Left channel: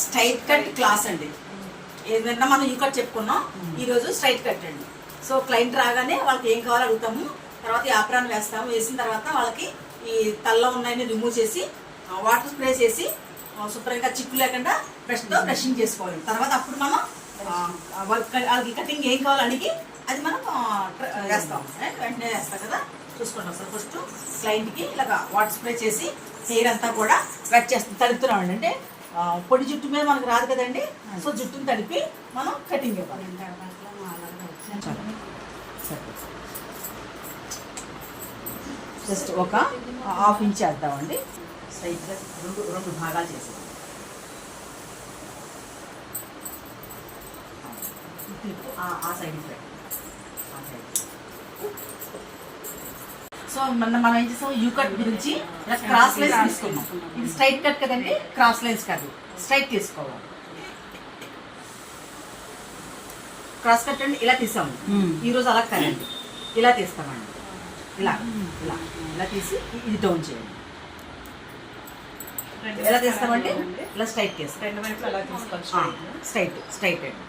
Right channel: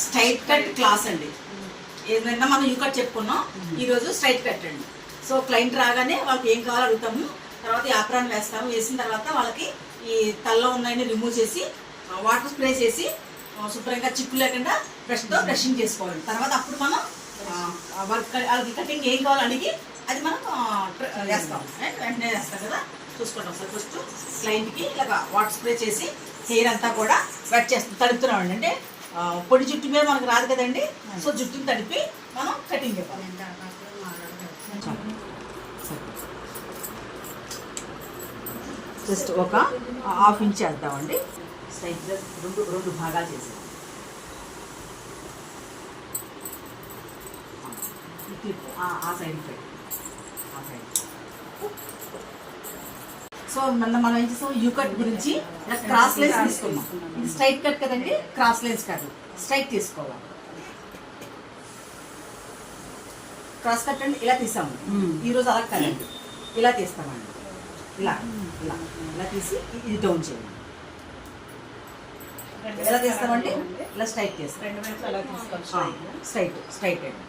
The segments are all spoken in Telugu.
స్ట్రైట్ కట్ క్లాస్ అండి. ఏదైనా మనం యూ కట్ చెప్పుకున్నాం, ఈరోజు స్ట్రైట్ కట్ అండి. సో క్లయింట్ రాగానే వాళ్ళకి ఏం కావాలో అడుగుతాము, తర్వాత యాప్రాన్ వేస్తాము. వేసిన తర్వాత వాళ్ళకి ఈ తల్లో ఉన్నాయని రిమూవ్ చేసి వాటర్ స్ప్రే చేసి శుభ్రంగా చిక్కు లేకుండా బ్రష్తో బ్రషింగ్ చేసుకోవాలి. తర్వాత అప్పుడు మనం వాళ్ళకి కటింగ్ ఏం కావాలో అడిగి అది మనం వేస్తాం. వెంటనే వేస్తాం కదా, చూసుకుంటాం సార్. ఫస్ట్ క్లయింట్కి ఇలాగ వాటర్ స్ప్రే చేసి హెయిర్ అంతా కూడా వెట్ చేస్తాం, తడుపుతున్నామండి. అంటే పొడి జుట్టు మీద మనకు రాదు కదండి, సో జుట్టుని తడిపి మనం కటింగ్ ఇవ్వాలి. జస్ట్ ఒక హాఫ్ ఇంచ్ వేద్దామండి. స్ట్రైట్గా రెండు భాగాలు చేసాం. ఆ సైడ్ పెట్టి ఆ సైడ్. సో మనం ఏం చేస్తాం, యూ కట్ గురించి క్రాస్ లైన్స్ తీసుకున్నాం. ఇది స్ట్రైట్ కట్ కదండి, క్రాస్ లైన్స్ కాదు, స్ట్రైట్ తీసుకోవాలి. క్రాస్ కట్ అండి ఇలా తీసాము. ఈరోజు అలా కదండి, ఇలా తీస్తామండి. ఇలా ఇలా ఇలా తీసి ఇది డౌన్ చేయండి. ఎలా తీస్తామండి, ఇలా స్ట్రైట్ చేస్తాం. రెండు వైపులు అలా తీసుకోవాలి. స్ట్రైట్ స్ట్రైట్ అండి,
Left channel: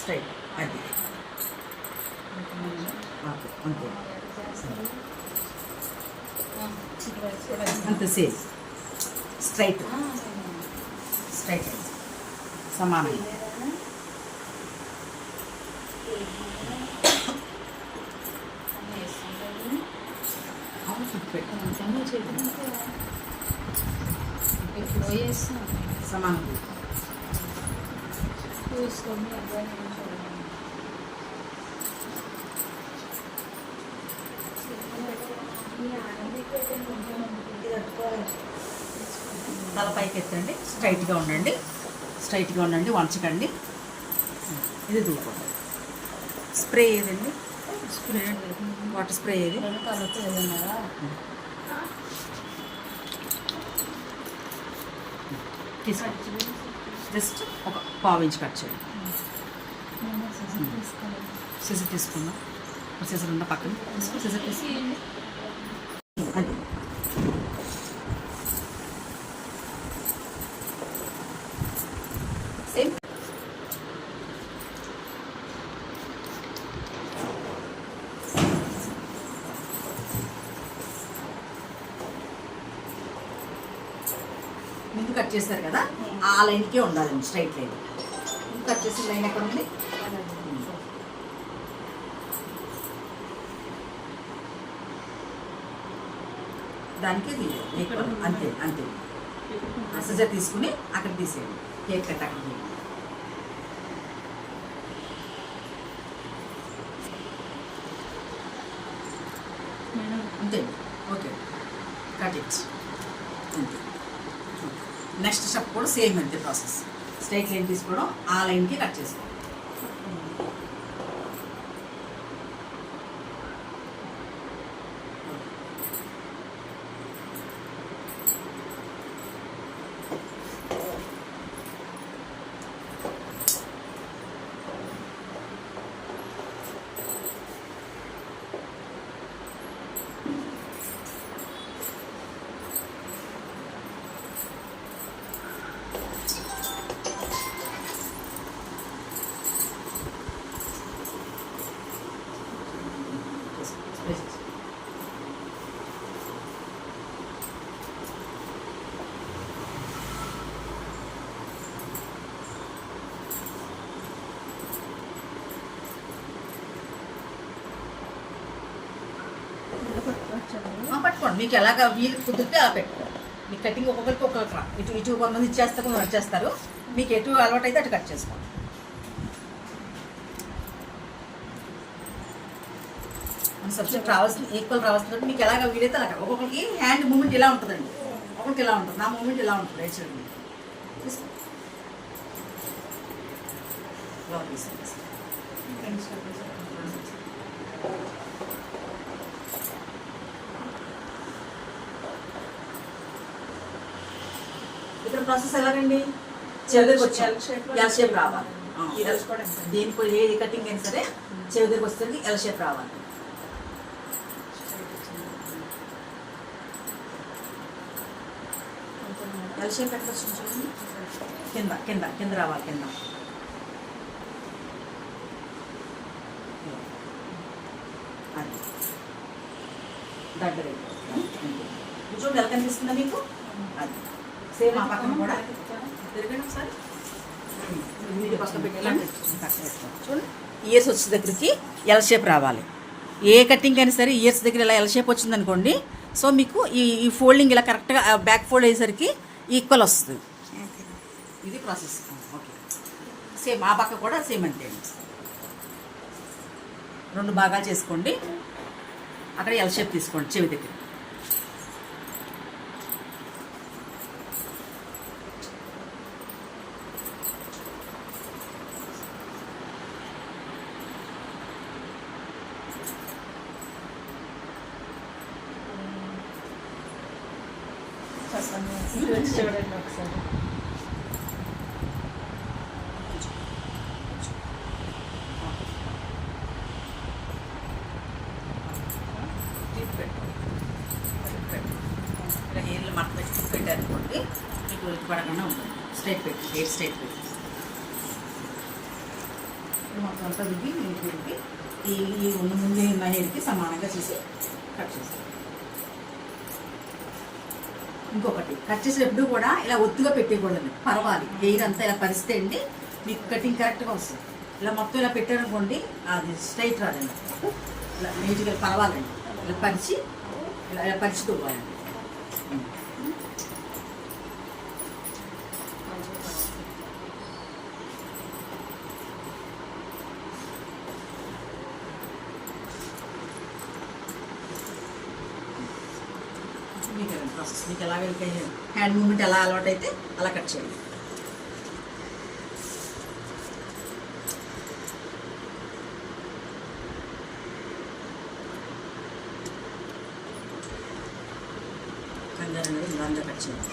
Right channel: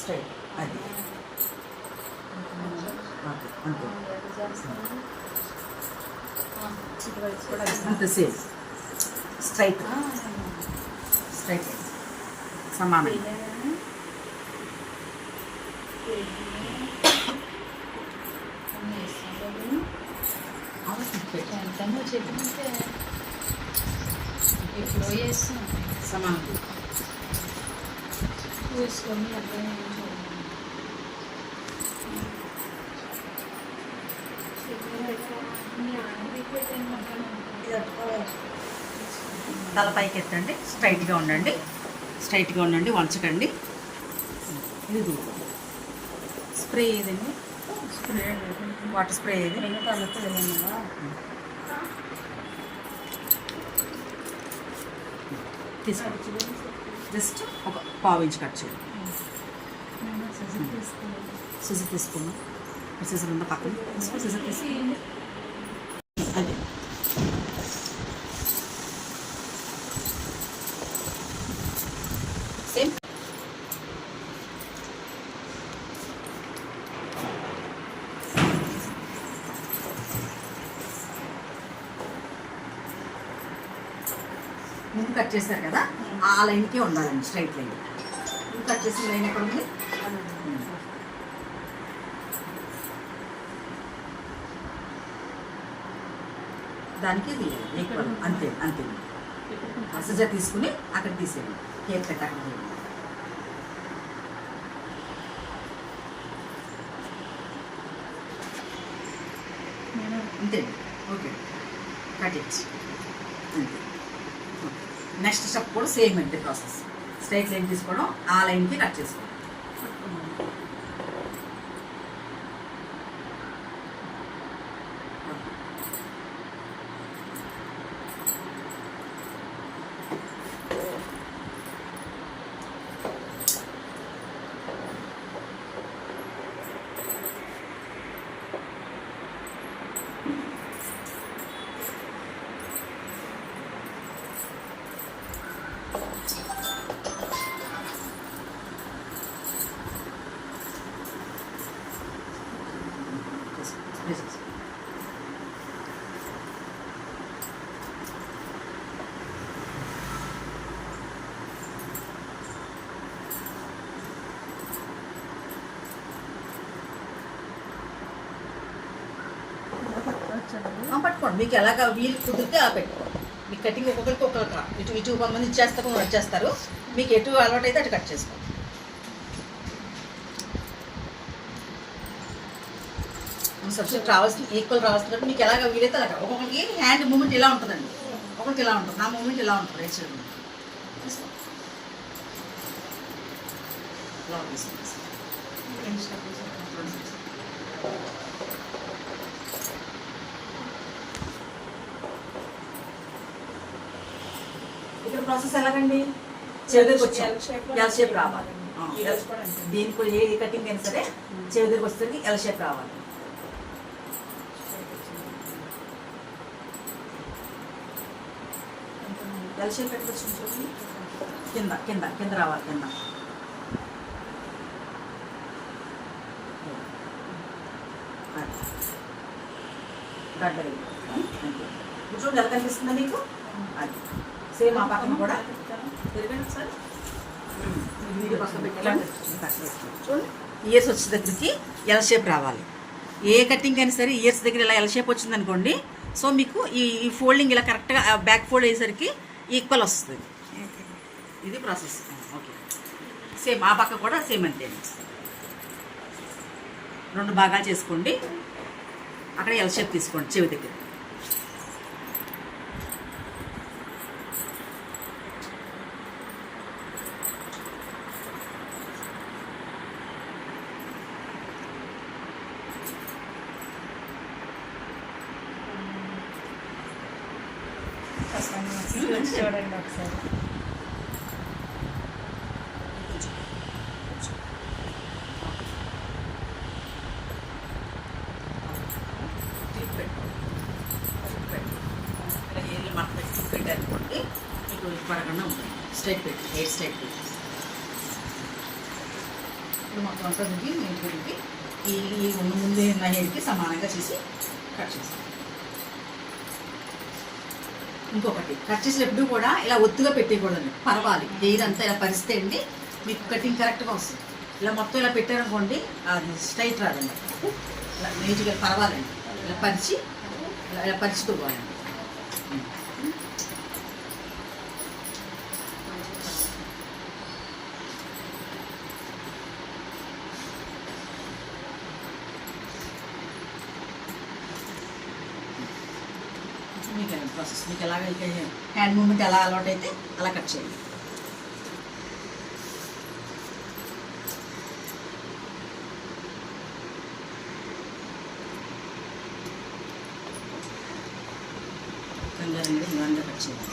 స్ట్రైట్. అది అంతే అంతే సేమ్ స్ట్రైట్ స్ట్రైట్ సమానం. సమానం తల పైకి ఎత్తండి, స్ట్రైట్గా ఉండండి, స్ట్రైట్గా ఉండండి, వంచకండి. ఇది దూరం. స్ప్రే ఏదండి, స్ప్రే వాటర్ స్ప్రే ఏది తీసుకోండి. జస్ట్ ఒక పావు ఇంచ్ కట్ చేయండి. సిజర్ తీసుకుందాం. సిజర్ ఉందా పక్కన, సిజర్ తీసుకుంది. అది సేమ్. ముందు కట్ చేస్తారు కదా, ఆ లైన్కే ఉండాలండి, స్ట్రైట్ లైన్. ముందు కట్ చేసిన లైన్ ఎక్కడ ఉంది, దానికి అంతే అంతే. సిజర్ తీసుకుని అక్కడ తీసేయండి, కేక్ కట్ అక్కడ చేయండి. అంతే, ఓకే, కట్ ఇట్. అంతే. నెక్స్ట్ స్టెప్ కూడా సేమ్ అంతే ప్రాసెస్. స్ట్రైట్ లైన్ తీసుకోవడం, ఆ లైన్కి కట్ చేసుకోవడం. పట్టుకోండి, మీకు ఎలాగ వీలు కుదిరితే అలా పెట్టుకోండి. మీకు కటింగ్ ఒక్కొక్కరికి ఒక్కొక్కరు ఇటు కొంతమంది ఇచ్చేస్తారు, కొంతమంది వచ్చేస్తారు. మీకు ఎటు అలవాటు అయితే అటు కట్ చేసుకోండి. సబ్జెక్ట్ రావాల్సిన ఈక్వల్ రావాల్సిన మీకు ఎలాగ వీలైతే అలాగ. ఒక్కొక్కరికి హ్యాండ్ మూమెంట్ ఇలా ఉంటుందండి, ఒక్కొక్కటి ఇలా ఉంటుంది, నా మూమెంట్ ఇలా ఉంటుంది. రైట్ సైడ్ తీసుకోండి. ఇక్కడ ప్రాసెస్ ఎలాగండి, చెవికి వచ్చి ఎల్ షేప్ రావాలి. దేనికి ఏ కటింగ్ అయినా సరే చెవికి వస్తుంది, ఎల్ షేప్ రావాలి. ఎల్ షేప్ ఎక్కడ వచ్చింది చూడండి, కింద కింద కింద రావాలి, కింద గడ్డ చూడండి ఎలా కనిపిస్తుందా మీకు. అది సేమ్ ఆ పక్కన కూడా తిరగండి ఒకసారి. చూడండి ఇయర్స్ వచ్చే దగ్గరికి ఎల్ షేప్ రావాలి. ఏ కటింగ్ అయినా సరే ఇయర్స్ దగ్గర ఇలా ఎల్ షేప్ వచ్చింది అనుకోండి, సో మీకు ఈ ఫోల్డింగ్ ఇలా కరెక్ట్గా బ్యాక్ ఫోల్డ్ అయ్యేసరికి ఈక్వల్ వస్తుంది. ఇది ప్రాసెస్. ఓకే సేమ్ ఆ పక్క కూడా సేమ్ అంటే 2 భాగాలు చేసుకోండి. అక్కడ ఎల్ షేప్ తీసుకోండి చెవి దగ్గర. చూడండి ఒకసారి. ఇలా హెయిర్లు మాకు పెట్టారనుకోండి, మీకు పడకుండా ఉంటుంది. స్ట్రైట్ పెట్టి హెయిర్ స్ట్రైట్ పెట్టి ఇప్పుడు మొత్తం అంతా దిగి నీటికి ఈ ముందు ఉన్న హెయిర్కి సమానంగా చేసి కట్ చేస్తాం. ఇంకొకటి కట్ చేసేటప్పుడు కూడా ఇలా ఒత్తుగా పెట్టేయకూడదు, పరవాలి. హెయిర్ అంతా ఇలా పరిస్తే అండి మీకు కటింగ్ కరెక్ట్గా వస్తుంది. ఇలా మొత్తం ఇలా పెట్టారనుకోండి అది స్ట్రైట్ రాదండి, ఇలా నీట్గా పరవాలండి. ఇలా పరిచి ఇలా పరుచుకోవాలండి. మీకు ప్రాసెస్ మీకు ఎలాగ హ్యాండ్ మూమెంట్ ఎలా అలవాటు అయితే అలా కట్ చేయండి. కంగారు అనేది నిదానంగా కట్ చేయాలి.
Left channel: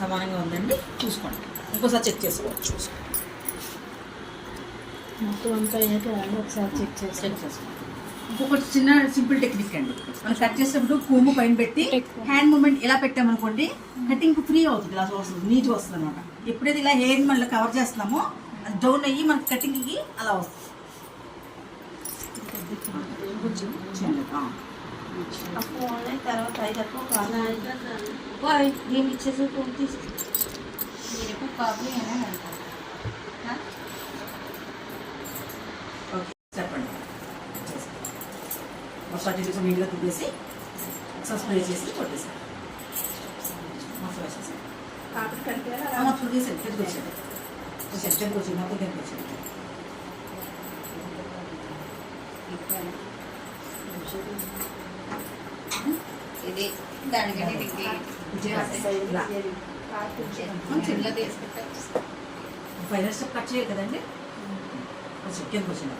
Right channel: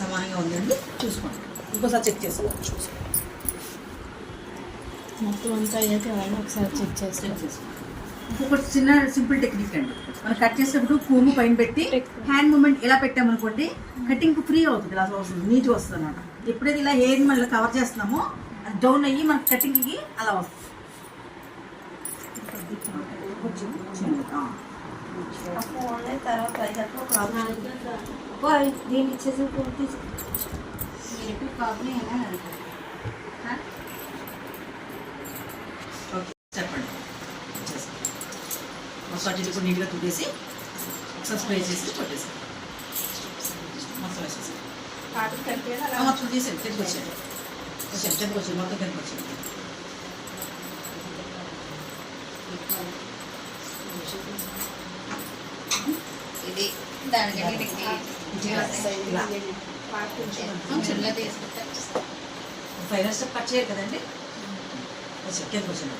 సమానంగా ఉందండి చూసుకోండి, ఇంకోసారి చెక్ చేసుకోవాలి. చూసుకోండి మొత్తం అంతా అయ్యాక ఒకసారి చెక్ చేసుకోండి. ఇంకొకటి చిన్న సింపుల్ టెక్నిక్ అండి, మనం కట్ చేసేటప్పుడు కోము పైన పెట్టి హ్యాండ్ మూమెంట్ ఇలా పెట్టామనుకోండి కటింగ్ ఫ్రీ అవుతుంది, ఇలా వస్తుంది, నీట్గా వస్తుంది అనమాట. ఎప్పుడైతే ఇలా హెయిర్ మళ్ళీ కవర్ చేస్తున్నామో అది డౌన్ అయ్యి మనకి కటింగ్కి అలా వస్తుంది. తర్వాత నేను ఇచ్చేసి చెప్పండి. మొత్తం కూడా నీట్గా తుట్టేసి ఒకసారి స్ప్రే చేసి కొట్టేసాం. మొత్తం వేసేసి మొత్తం తీసేది తెచ్చుకు వచ్చేది మొత్తం తెచ్చుకు వచ్చేది. ఇది దానికంటే ఫైనల్ స్టెప్ కట్ చేయాలి కదండి. కొంచెం కిందకు వచ్చింది,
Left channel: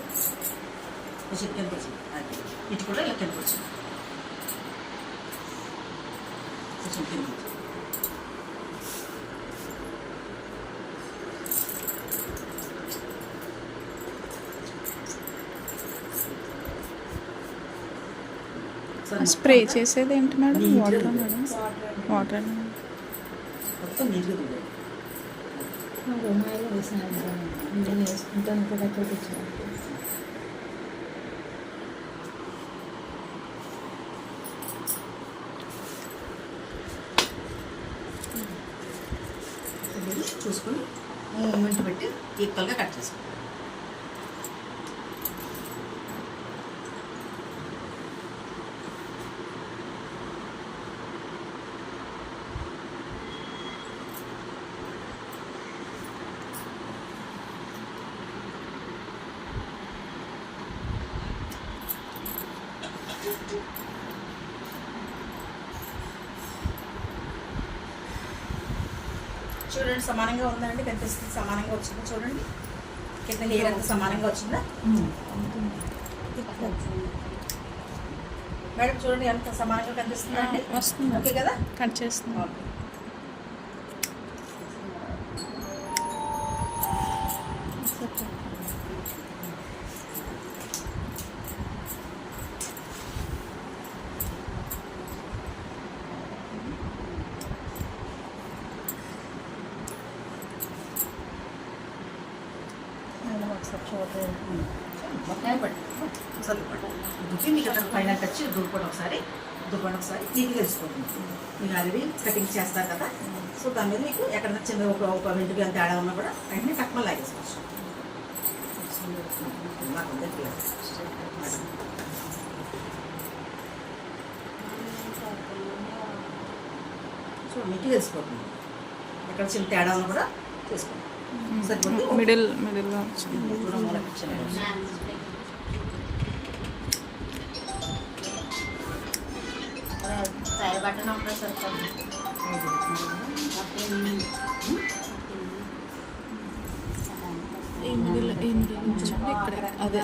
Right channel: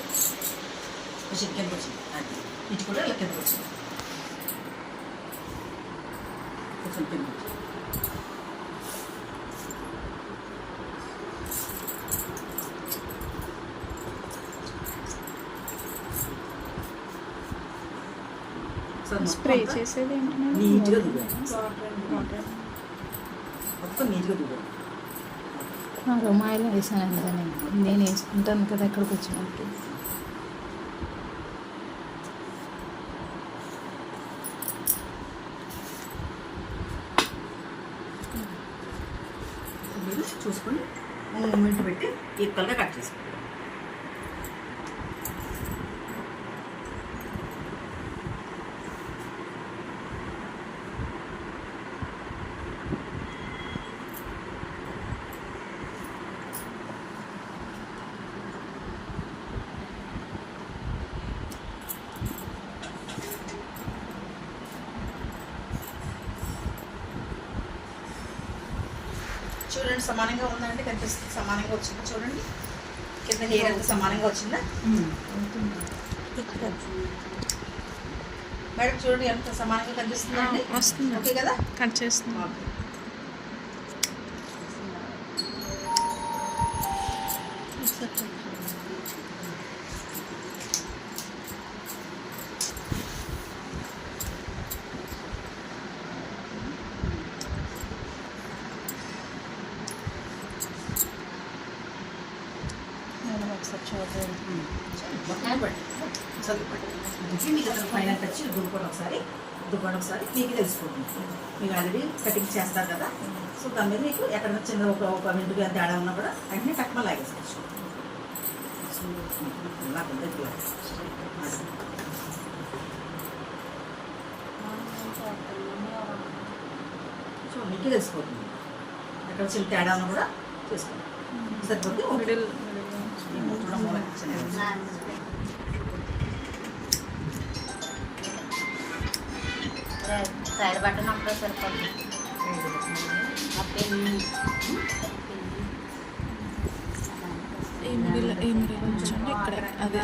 కొంచెం కిందకు వచ్చింది, అది ఇటు కూడా ఇలా కిందకు వచ్చింది, కొంచెం కిందకు. స్ప్రే చేసేది ఏంటి మేడం? నీట్గా వాటర్ మొత్తం నీట్గా దిగాలి. రుమాయిలో వేసాను కదా నేను వేసుకుంటాను కదా ఎక్కడికి వచ్చాను. చూసుకొని మూమెంట్ పెట్టి ఈక్వల్గా కట్ చేసుకోండి. చూడండి సమానంగా ఉందండి, కనిపిస్తుంది సమానంగా వచ్చిందా చూడండి, కింద హెయిర్ అంతా సమానంగా వచ్చిందా. మేడం చూడండి ఎంత సమానంగా కనిపిస్తుందండి. వస్తుంది. ఓకే కదా. కట్ చేస్తుంది. ఫైనల్ టచ్ దుర్పడి ఒకసారి మీకు తెలుసుకోండి. మీరు ఆల్రెడీ కటింగ్ చేస్తారు కదా, సో దాని మీద మీకు ఎక్కడైనా చిన్న ఒక వెంటుగా తేడా ఉన్నా కూడా వెంటనే టక్మని లాగేసుకోవచ్చు. సో మీకు తెలిసిపోతుంది ఎక్కడ చిన్న తేడా ఉన్నా కూడా చేసుకోండి. సరిపోతే మిడిల్లో సైడ్ బటన్ ఒకటే సరిపోతుంది. ఓకే ఈ మిడిల్ ఉంచండి. ఇక్కడ అదే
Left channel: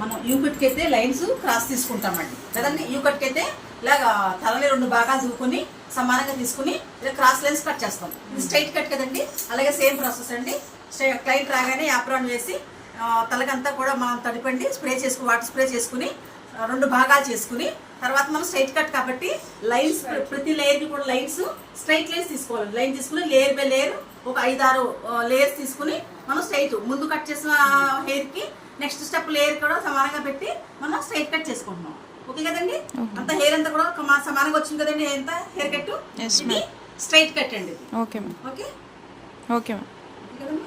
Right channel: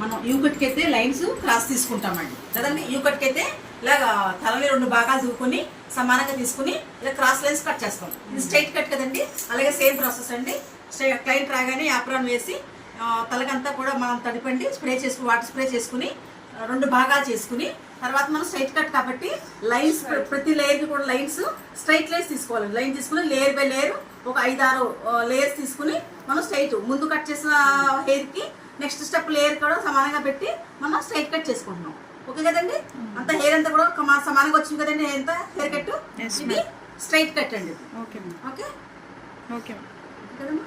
మనం యూకట్కి అయితే లైన్స్ క్రాస్ తీసుకుంటామండి కదండి. యూకట్కి అయితే ఇలాగా తలని 2 భాగాలు దువ్వుకొని సమానంగా తీసుకుని ఇలా క్రాస్ లైన్స్ కట్ చేస్తాం. ఇది స్ట్రైట్ కట్ కదండి. అలాగే సేమ్ ప్రాసెస్ అండి. క్లయింట్ రాగానే యాప్రాన్ వేసి తలకంతా కూడా మనం తడిపండి వాటర్ స్ప్రే చేసుకుని 2 భాగాలు చేసుకుని తర్వాత మనం స్ట్రైట్ కట్ కాబట్టి లైన్స్ ప్రతి లేయర్కి కూడా లైన్స్ స్ట్రైట్ లైన్స్ తీసుకోవాలి. లైన్ తీసుకుని లేయర్ బై లేయర్ ఒక 5-6 లేయర్స్ తీసుకుని మనం స్ట్రైట్ ముందు కట్ చేసిన హెయిర్కి నెక్స్ట్ స్టెప్ లేయర్ కూడా సమానంగా పెట్టి మనం స్ట్రైట్ కట్ చేసుకుంటున్నాం. ఓకే కదండి. అంత హెయిర్ అంతా కూడా సమానంగా వచ్చింది కదండి. ఎంత హెయిర్ కట్ ఇది స్ట్రైట్ కట్ అండి. ఓకే ఓకే ఓకే కదమ్మా.